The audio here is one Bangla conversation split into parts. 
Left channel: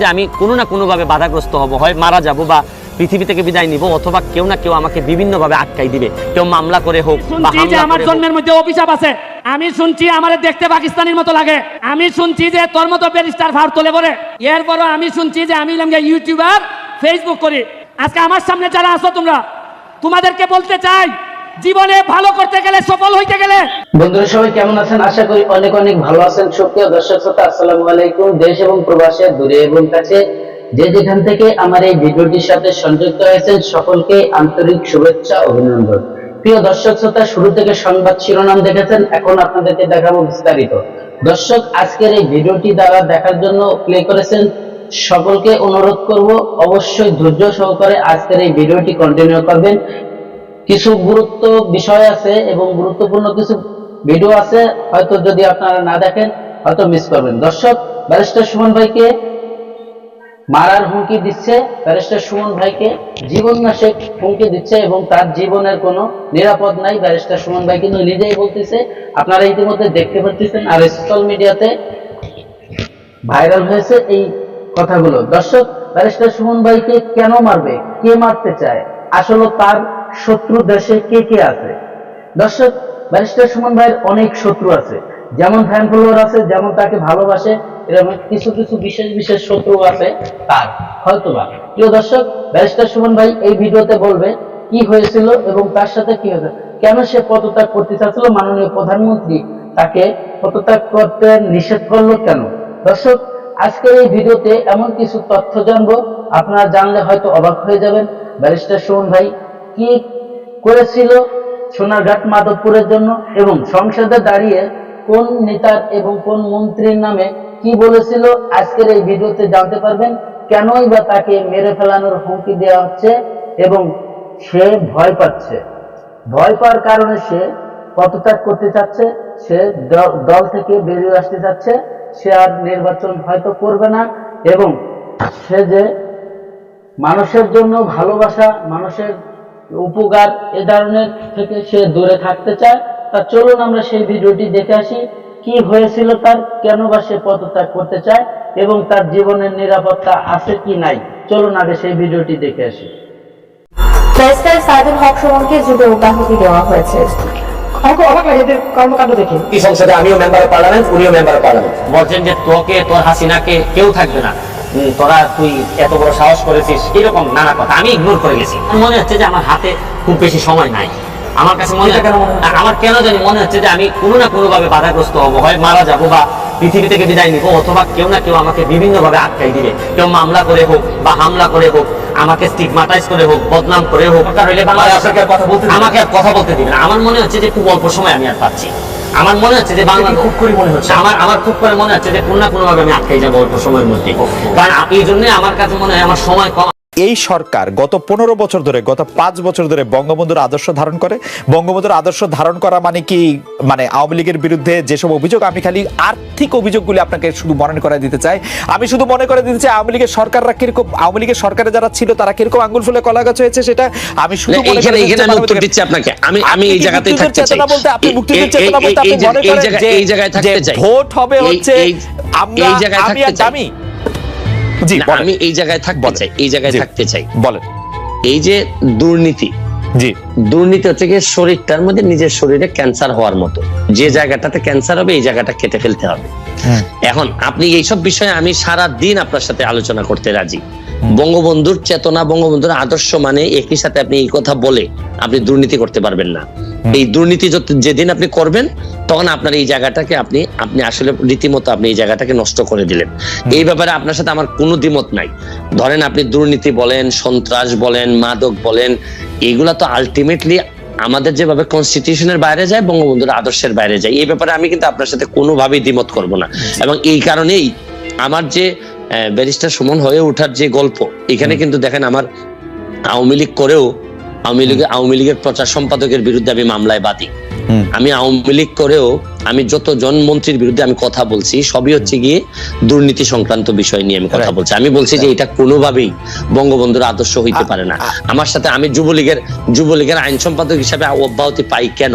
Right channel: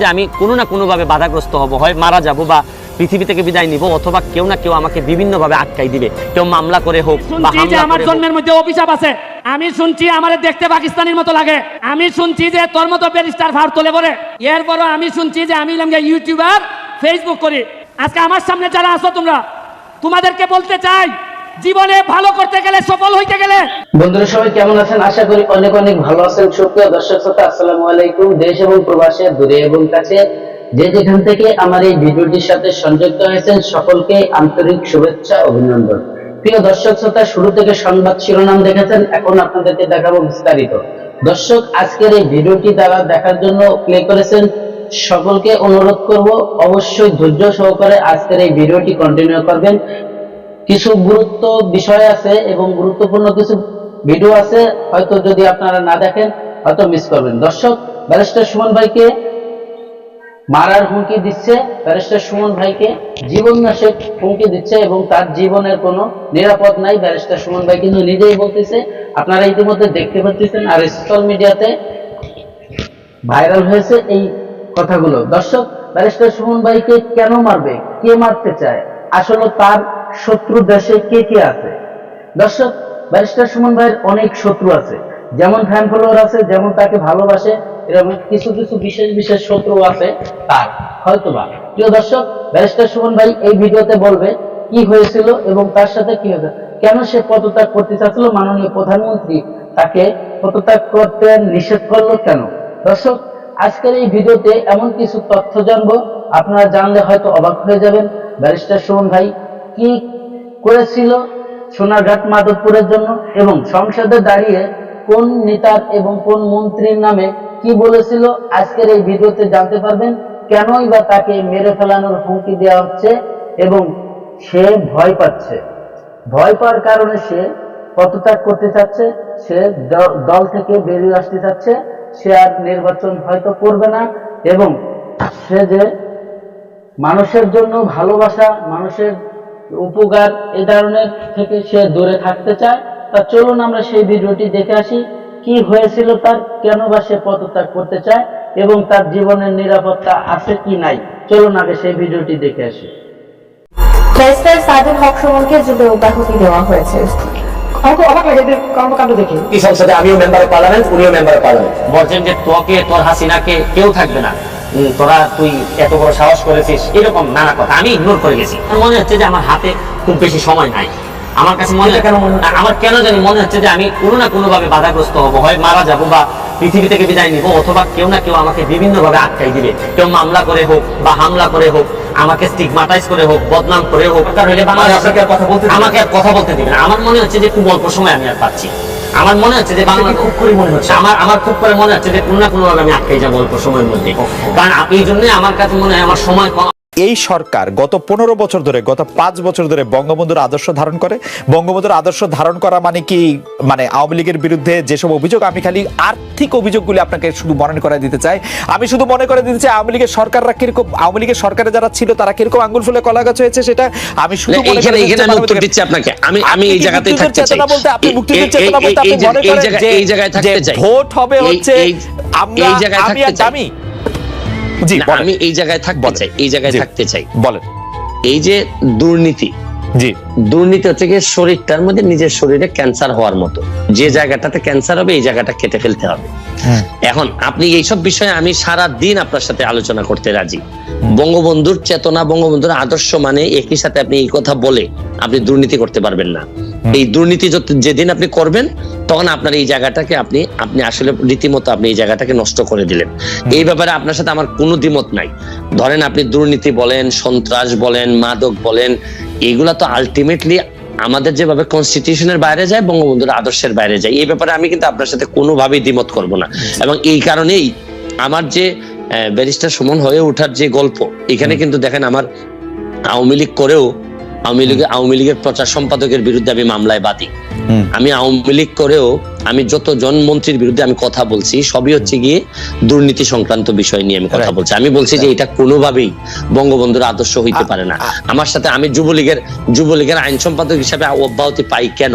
যে আমি কোনো না কোনোভাবে বাধাগ্রস্ত হব হয় মারা যাব বা পৃথিবী থেকে বিদায় নিব অথবা কেউ না কেউ আমাকে বিভিন্নভাবে আটকাই দিবে। কেউ মামলা করে হোক আমার জন্মের মধ্যে অভিশাপ আছে। আমি শুনছি আমার দেখতে পাকিস্তানের মতো লাগে। আমি শুনছি যে তোর মতো ব্যারিস্টার ভার তোলে পরে এরপরও আমি শুনছি যে আমি ইউটিউবার ফেসবুক করি। আজকে আমার সামনে যারা আসো তোমরা তোমাদেরকে বলতে চাই জীবনে ভালো করতে গেলে, সফল হইতে গেলে। বন্ধুরা, সবাই কেমন আছেন? আশা করি অনেক অনেক ভালো আছেন। সুপ্রিয় দর্শক শ্রোতা, আসসালামু আলাইকুম। দেশ এবং প্রবাসে দূরে এবং কাছে যে যেখান থেকে আমার এই ভিডিওটির সাথে সংযুক্ত হয়েছেন, সকলকে আন্তরিক শুভেচ্ছা, অভিনন্দন। প্রিয় দর্শক শ্রোতা, শুরু থেকে সংবাদ শিরোনাম দেখেছেন, এখন আপনাদেরকে দেখাবো বিস্তারিত। দর্শক, আজকের এই ভিডিওটি দ্বারা দেখার জন্য প্লে করেছেন, সকলকে অনুরোধ করব, অবশ্যই ধৈর্য সহকারে আজকের এই ভিডিওটি কন্টিনিউ করবেন। কিছু গুরুত্ব বিষয় আছে এবং গুরুত্বপূর্ণ কিছু ভিডিও আছে, হয়তো যদি আপনারা না দেখেন, হয়তো মিস করবেন। দর্শক ব্যারিস্টার সুমন ভাইকে মারার হুমকি দিচ্ছে ব্যারিস্টার সুমন ভাইকে জীবন নাশে হুমকি দিচ্ছে এবং তার জীবনের কোনো নিরাপদ নাই। ব্যারিস্টার সুমন ভাই কিন্তু নিজেই বলতেছে, আপনারা ইতিমধ্যে দেখতে পাচ্ছেন আর সোশ্যাল মিডিয়াতে ভাইরাল হয়েছে এই কথাগুলো। দর্শক ব্যারিস্টার সুমন ভাইকে কেন মারবে? কে মারতে চায়? আসলে তার শত্রু দেশে কে কে আছে? দর্শক, ব্যারিস্টার সুমন ভাইয়ের অনেক শত্রু আছে। যেমন ফ্যান ফলোয়ার আছে, যেমন তাকে ভালোবাসে, এরকম কিছু কিছু বিশেষ বিশেষ শত্রু আছে তার, হয়তোবা। প্রিয় দর্শক, ব্যারিস্টার সুমন ভাই এই ভিডিওতে বলবে কি হয়েছিল এবং তার সাথে কি হয়েছে। কেন সে পদত্যাগ করতে চাচ্ছিল? মাননীয় প্রধানমন্ত্রী তাকে পদত্যাগ করতে নিষেধ করল কেন? দর্শক, আজকের এই ভিডিওতে এমন কিছু তথ্য জানব। আপনারা জানলে হয়তো অবাক হয়ে যাবেন। ব্যারিস্টার সুমন ভাই কি করেছিল? সোনারঘাট মাধবপুরের জন্য এবং সংসদে দাঁড়িয়ে কোন নেতার এবং কোন মন্ত্রীর নামে কি বলেছিল? আজকের এই ভিডিওতে জানতে পারবেন কেনই বা তাকে মেরে ফেলানোর হুমকি দেওয়া হচ্ছে এবং সে ভয় পাচ্ছে। ভয় পাওয়ার কারণে সে পদত্যাগ করতে চাচ্ছে, সে দল থেকে বেরিয়ে আসতে চাচ্ছে, সে আর নির্বাচন হয়তো করবে না এবং সে যে মানুষের জন্য ভালোবাসা, মানুষের উপকার এই ধরনের থেকে সে দূরে থাকতে চায়। তা চলুন আমরা সেই ভিডিওটি দেখে আসি কি হয়েছিল তার কেন বা সে পদত্যাগ করতে চায় এবং তার জীবনের নিরাপত্তা আছে কি নাই। চলুন আগে সেই ভিডিওটি দেখে আসি। ব্যারিস্টার সাইদুল হক সুমনকে যুগে অব্যাহতি দেওয়া হয়েছে। আমাকে অবাক লাগে এদের কর্মকাণ্ড দেখে। এই সংসদে আমিও মেম্বার অফ পার্লামেন্ট উনিও মেম্বার অফ পার্লামেন্ট বলছেন যে তোকে তোর হাসিনাকে কেউ থাকবে না। তোরা তুই এত বড় সাহস করেছিস এরকম নানা কথা। আমি ইগনোর করে গেছি। মনে হচ্ছে যে আমার হাতে খুব বেশি সময় নাই। আমার কাছে মনে কেন মনে? আমার কেন জানি মনে হচ্ছে যে আমি কোনো না কোনো ভাবে বাধাগ্রস্ত হব। হয় মারা যাব বা পৃথিবী থেকে বিদায় নিব অথবা কেউ না কেউ আমাকে বিভিন্ন ভাবে আটকাই দিবে। কেউ মামলা করে হোক বা হামলা করে হোক আমাকে স্টিগমাটাইজ করে হোক বদনাম করে হোক কথা বলতে আমাকে আর কথা বলতে দিবে না। আমার মনে হচ্ছে যে খুব অল্প সময় আমি আর পাচ্ছি। আমার মনে হচ্ছে যে বাংলা খুব করে মনে হচ্ছে? আমার আমার খুব করে মনে হচ্ছে যে কোন না কোনোভাবে আমি আটকে যাব অল্প সময়ের মধ্যে কারণ এই জন্যে আমার কাছে মনে হয় আমার সময় কম এই সরকার গত পনেরো বছর ধরে গত পাঁচ বছর ধরে বঙ্গবন্ধুর আদর্শ ধারণ করে। বঙ্গবন্ধুর আদর্শ ধারণ করা মানে কি? মানে আওয়ামী লীগের বিরুদ্ধে যেসব অভিযোগ আমি খালি আর্থিক অভিযোগগুলি আপনাকে শুধু মনে করে দিতে চাই। আমি শুধু মনে করে দিতে চাই আওয়ামী লীগের সরকাররা কীরকম আওয়ামী লীগের সরকারে যারা ছিল তারা কীরকম আঙ্গুল ফুলে কলা গাছ হয়েছে সেটা আমি শুধু মনে করে আমি উত্তর দিচ্ছি আপনাকে। আমি আমি এই কি জায়গাতেই থাকতে চাই। চেতনা বলতে আপনি মুক্তিযুদ্ধের চেতনা বলতে আপনি মনে করেন যে এই জায়গায় থাকতে চাই। ভোট হবে হচ্ছে আমরা আমি আমি জি আমি এই জায়গায় থাকতে চাই এই জায়গায় থাকতে চাই। বলেন। এই যে দুর্নীতি জি। দুর্নীতি হচ্ছে গিয়ে শরীরটার মধ্যে নিজের শরীরে ক্যান্সার হওয়ার মতো। যে জায়গাটাতে ক্যান্সার হবে এই জায়গাটা কেটে ফেলতে হবে। এখন আপনি এইসব বিষয়ে আমি সারা দিন আপনার সাথে আলোচনা করতে রাজি। বঙ্গবন্ধুর চেতনা বঙ্গবন্ধুর আদর্শ মানে একই সাথে আপনি এই কথা বলে আপনি দুর্নীতি করতে পারবেন না। এই দুর্নীতি যেদিন আপনি করবেন তখন আপনার এই জায়গাটাকে আপনি আপনি আসলে রীতিমতো আপনি এই জায়গাটাকে নষ্ট করে দিলেন। এই ব্যাপারে আপনার সাথে আমার কোনো দ্বিমত নাই। ধরেন আপনি দুর্নীতি বলেন সন্ত্রাস বলেন মাদক বলেন এগুলা তো আলটিমেটলি আমাদের যেভাবে কনস্টিটিউশনের বাইরে যায় বঙ্গবন্ধুর আদর্শের বাইরে যায়। এই ব্যাপারে আমি কিন্তু আপনার সাথে কোনোভাবেই দ্বিমত করব না। এবং এই কারণেই আমার যে ব্যারিস্টার সুমন হয়ে ওঠার যে গল্প এখানে কিন্তু দেখেন আমার আওয়ামী লীগ করেও আওয়ামী লীগের আওয়ামী লীগের প্রচার সম্পাদকের বিরুদ্ধে আমি মামলায় বাদী। আমি আওয়ামী লীগ করেও আমি যত জন মন্ত্রীর বিরুদ্ধে আমি কথা বলছি সবই হচ্ছে গিয়ে দুর্নীতি সংক্রান্ত বিষয় নিয়ে আমি কথা বলছি। আমি বলছি যে এটা কোনোভাবেই বঙ্গবন্ধুর আদর্শ হইতে পারে না। আমার সাথে আমি যুবলীগের যুবলীগের আইন সম্পাদক হিসাবে অব্যাহতি পাই কেন?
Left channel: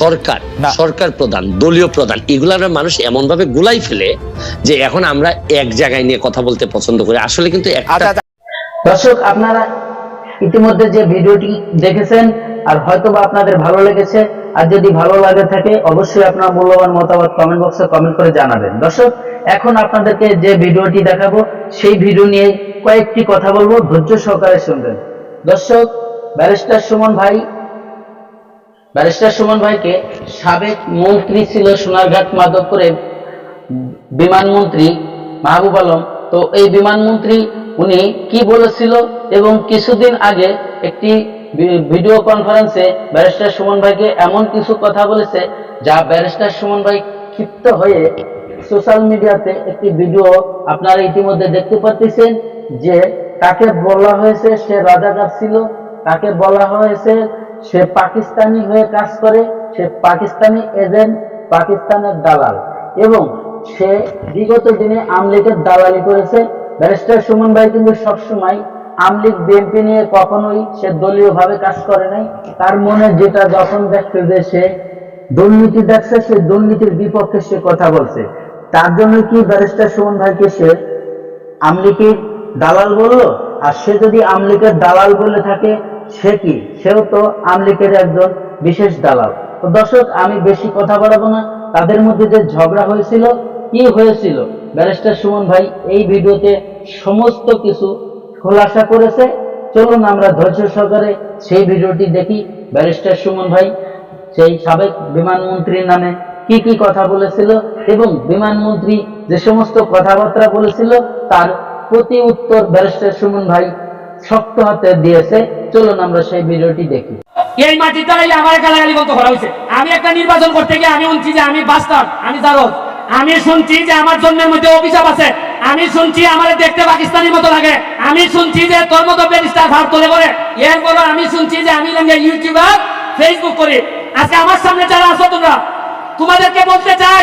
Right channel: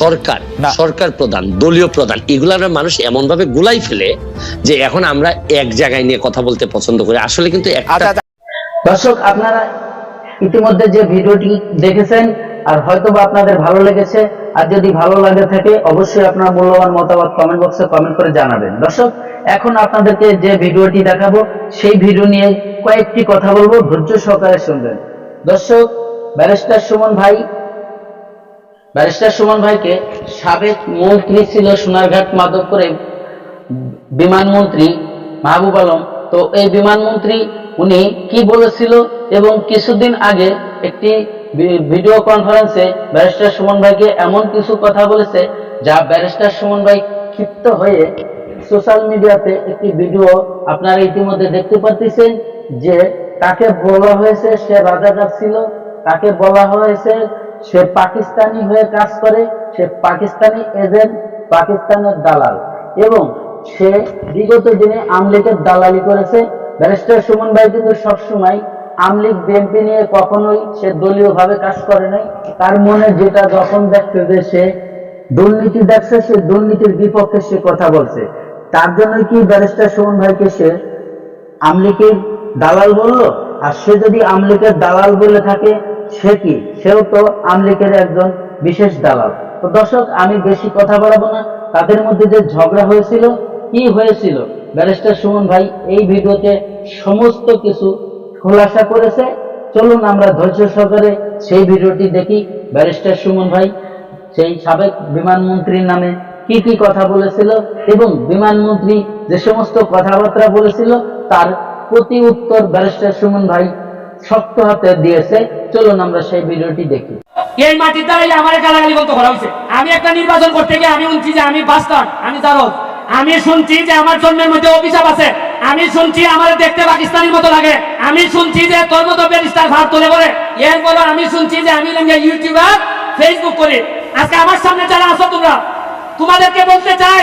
সরকার। সরকার প্রধান দলীয় প্রধান এগুলার মানুষ এমন ভাবে গুলাই ফেলে যে এখন আমরা এক জায়গায় নিয়ে কথা বলতে পছন্দ করি। আসলে কিন্তু আচ্ছা আচ্ছা। দর্শক আপনারা ইতিমধ্যে যে ভিডিওটি দেখেছেন আর হয়তোবা আপনাদের ভালো লেগেছে আর যদি ভালো লাগে থাকে অবশ্যই আপনার মূল্যবান মতামত কমেন্ট বক্সে কমেন্ট করে জানাবেন। দর্শক এখন আপনাদেরকে যে ভিডিওটি দেখাবো সেই ভিডিও নিয়ে কয়েকটি কথা বলব ধৈর্য সহকারে শুনবেন। দর্শক ব্যারিস্টার সুমন ভাই ব্যারিস্টার সুমন ভাইকে সাবেক মন্ত্রী ছিল সোনারঘাট মাধবপুরে বিমানমন্ত্রী মাহবুব আলম। তো এই বিমানমন্ত্রী, উনি কি বলেছিল এবং কিছুদিন আগে একটি ভিডিও কনফারেন্সে ব্যারিস্টার সুমন ভাইকে এমন কিছু কথা বলেছে যা ব্যারিস্টার সুমন ভাই ক্ষিপ্ত হয়ে সোশ্যাল মিডিয়াতে একটি ভিডিও আপনারা ইতিমধ্যে দেখতে পাচ্ছেন যে তাকে বলা হয়েছে, সে রাজাকার ছিল তাকে বলা হয়েছে সে পাকিস্তানি হয়ে কাজ করে, সে পাকিস্তানি এজেন্ট, পাকিস্তানের দালাল। এবং সে বিগত দিনে আমলিগের দালালি করেছে। ব্যারিস্টার সুমন ভাই কিন্তু সবসময় আমলিগ বিএনপি নিয়ে কখনোই সে দলীয়ভাবে কাজ করে নাই। তার মনে যেটা যখন দেখছে যে সে দুর্নীতি দেখছে, সে দুর্নীতির বিপক্ষে সে কথা বলছে। তার জন্য কি ব্যারিস্টার সুমন ভাইকে সে আমলিকের দালাল বলল? আর সে যদি আমলিকের দালাল বলে থাকে সে কি? সেও তো আমলিকের একজন বিশেষ দালাল। তো দর্শক, আমি বেশি কথা বাড়াবো না। তাদের মধ্যে যে ঝগড়া হয়েছিল, কি হয়েছিল? ব্যারিস্টার সুমন ভাই এই ভিডিওতে সমস্ত কিছু খোলাসা করেছে। চলুন আমরা ধৈর্য সহকারে সেই ভিডিওটি দেখি। ব্যারিস্টার সুমন ভাই, সেই সাবেক বিমানমন্ত্রীর নামে কি কি কথা বলেছিল এবং বিমানমন্ত্রী যে সমস্ত কথাবার্তা বলেছিল, তার প্রতি উত্তর ব্যারিস্টার সুমন ভাই শক্ত হাতে দিয়েছে। চলুন আমরা সেই ভিডিওটি দেখি। এই মাটির দ্বারাই আমার গালাগালি বলতে করা হয়েছে। আমি একটা নির্বাচন করতে গিয়ে আমি শুনছি যে আমি বাস্টার্ড আমি জারদ আমি শুনছি যে আমার জন্মের মধ্যে অভিশাপ আছে। আমি শুনছি আমার দেখতে পাকিস্তানির মতো লাগে। আমি শুনছি যে তোর মতো ব্যারিস্টার ভার তোলে বলে। এরপরও আমি শুনছি যে আমি ইউটিউবার ফেসবুক করি। আজকে আমার সামনে যারা আছো তোমরা, তোমাদেরকে বলতে চাই,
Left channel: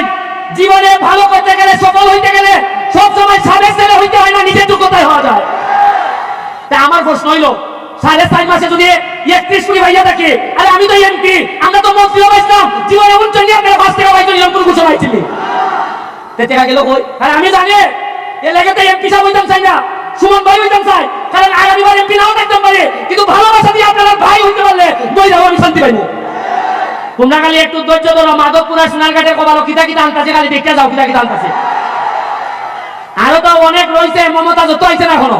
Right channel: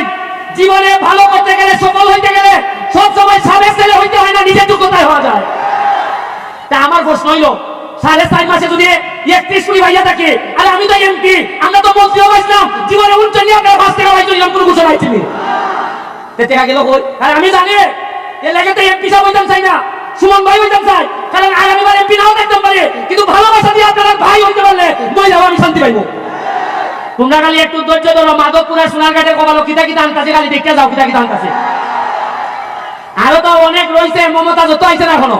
জীবনে ভালো করতে গেলে, সফল হইতে গেলে সব সময় সাবেক ছেলে হইতে হয় না, নিজের যোগ্যতায় হওয়া যায়। তা আমার প্রশ্ন হইল সাড়ে চার মাসে যদি একত্রিশ কোটি ভাইয়া থাকে, আরে আমি তো এমপি আমরা তো মন্ত্রীও পাইছিলাম জীবনে উনচল্লি আপনারা পাঁচ টাকা পাইছেন এরকম কোনো ঘোষণা পাইছিলি? টাকা গেল কই? আর আমি জানি এ লেগে তো এমপি সাহেব হইতাম চাই না, সুমন ভাই হইতাম চাই, কারণ আগামীবার এমপি নাও থাকতে পারে, কিন্তু ভালোবাসা দিয়ে আপনারা ভাই হইতে পারলে বই যাব আমি শান্তি পাইবো। তোমরা খালি একটু ধৈর্য ধরো মাধবপুর সোনারঘাটের কবালো কিতা কিতা আনতাছে, খালি দেখতে যাও কিতা কিতা আনতাছে। আরও তো অনেক রয়েছে, মমতা যত আইছে না এখনও।